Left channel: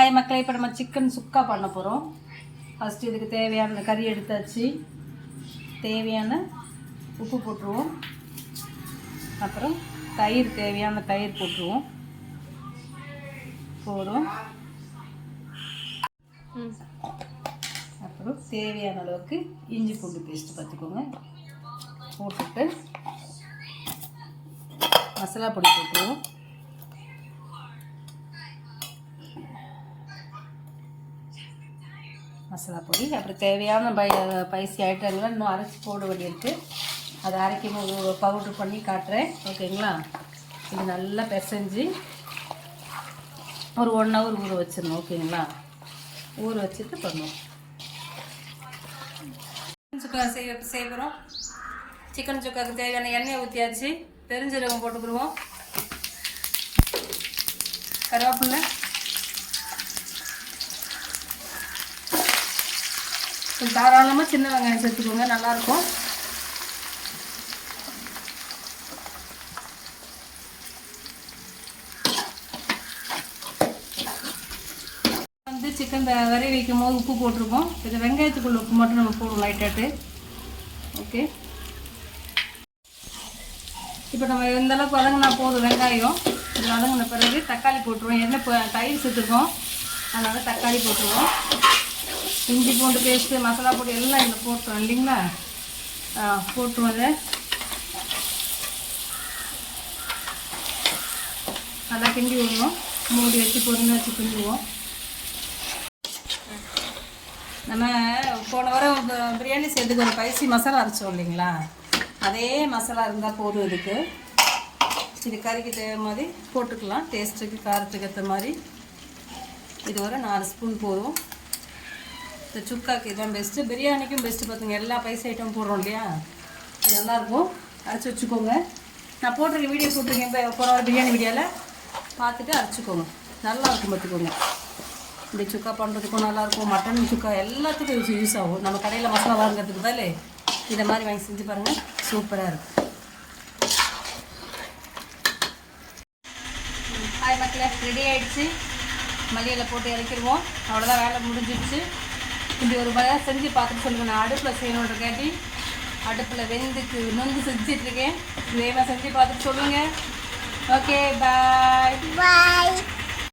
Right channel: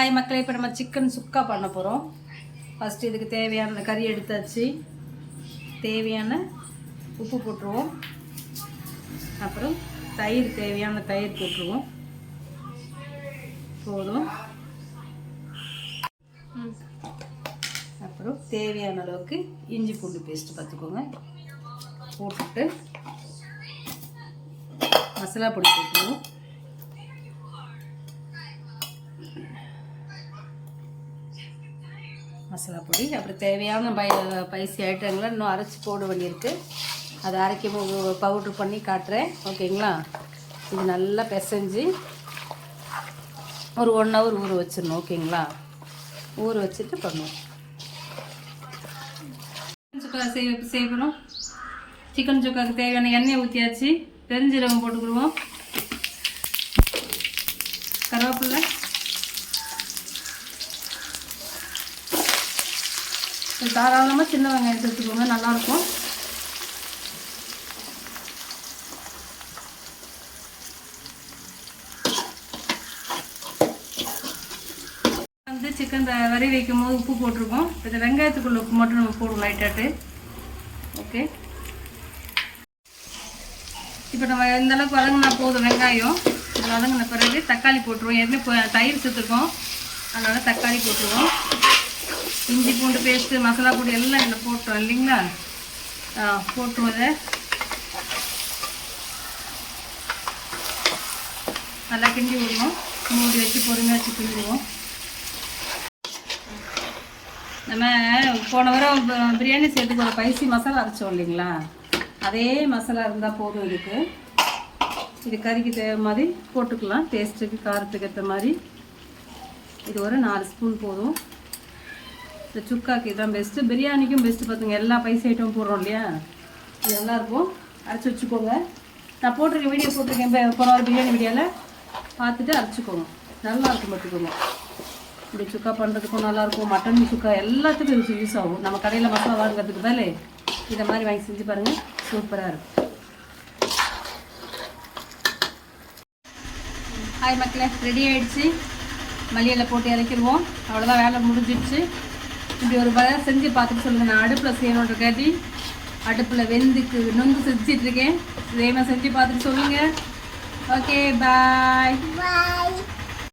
Hi மக்களே, இப்போ நம்ம சிக்கன் சுக்கா பண்ண போகிறோம். ஃபஸ்ட்டு இதுக்கு தேவையான கறி எடுத்தாச்சு. தேவையான உப்பு போட்டுருவோம். அப்புறம் தயிர், தேவையான தயிர் போட்டுருவோம். போதும். அப்புறம் தேவையான அளவுக்கு இஞ்சி பூண்டு பேஸ்ட்டு பார்த்துக்கோங்க. போட்டுட்டு மசாலா பொடி போட்டுருவோம். மசாலா பொடி, அப்புறம் தேவையான பைசி ஐட்டங்களை இன்னும் அரைச்சி போட வேண்டியிருக்கு. அதை அரைக்கும் பவுட்ரு பண்ணி காட்டுறேன், ஓகேங்களா? இது நல்லா பிசைஞ்சு ஒரு 1 hour ஊற வச்சிடணும், ஓகேங்களா? ஊற வச்சுட்டு பண்ணுவோம். சுக்கா செய்ய போகிறோம். சிக்கன் சுக்காவுக்கு தேவையான எண்ணெயை ஊற்றியாச்சு. பெருஞ்சீரகம் போட்டுக்கிடுவோம். கருவேப்பிலை, தாராளமாக சின்ன வெங்காயம் சேர்த்துக்கோங்க, நல்லாயிருக்கும். சிக்கன் வரை வைக்கும் போது உப்பு போட்டிருக்கோம். இந்த வெங்காயத்துக்குள்ள உப்பு மட்டும் நம்ம போடுவோம் லைட்டாட்டு. ஓகே, இப்போ நம்ம இந்த அளவுக்கு வதங்கினா போதும். வெங்காயம் வதங்கின பிறகு தக்காளி போட்டுருவோம். எண்ணெய் தயிர் சேர்த்துருக்கோம், அதனால் தக்காளி போட்டுருவோம். இஞ்சி பூண்டு பேஸ்ட்டு, மசாலா பொடி எல்லாம் இதில் போட்டுருவோம் இல்லைங்களா? போட்டுருவோம். அதை நல்லா கிண்டி விடுவோம். மூடி வச்சு பொறுமையாக வச்சு கிண்டிடுவோம். நம்ம போன வாரம் பிரியாணி செய்யறதுக்கு ஒரு ஸ்பைசி மசாலா அரைச்சோம் இல்லைங்களா? அதே மசாலா இருந்தால் போதும். இது கறிக்கு தேவை மாதிரி போட்டுக்கலாம். டேஸ்ட்டுக்கு காரத்துக்கு ஏற்ற மாதிரி இது ஒரு 4 ஸ்பூன் போதும். இந்த சுக்காக்கு இதுதான் பெஸ்ட்டு, பிரியாணிக்கும் பெஸ்ட்டு. பார்த்துங்க, எல்லா பைசா ஐட்டம் போடுறோம் இல்லையா? இது நல்லாயிருக்கும். அரைச்சி வச்சுக்கோங்க. நான் போட்டிருக்கேன், வீடியோ போட்டிருக்கேன் போன பிரியாணி வீடியோவில், பார்த்துட்டு அரைச்சிக்கோங்க. நல்லாயிருக்கும், பார்த்துக்கோங்க. இந்த சுக்கா பண்ணுறதுக்கும் நல்லாயிருக்கும். மட்டன் சுக்கா எல்லாத்துக்கும் யூஸ் ஆகும். நம்ம கடையில் மசாலா வாங்குறதுக்கு தானே இதை மாதிரி வாங்கி செஞ்சு பாருங்கள், சூப்பராக இருக்கும். ஹாய் மக்களே, ரெடி ஆகிடுச்சு. மல்லியில் போட்டு இறக்கிடுவோம். அவ்வளோதான், வேலை முடிஞ்சிடுச்சு. இப்படி ஒரு வேலை செஞ்சு பார்த்துட்டு சொல்லுங்கள். நான் அடுப்பில் செய்யணுன்றக்காட்டி அடுப்பில் நொந்து செஞ்சிட்ருக்கேன். இதே மாதிரி செஞ்சு பார்த்துட்டு சொல்லுங்கள். ஓகே, பாய் பாய்.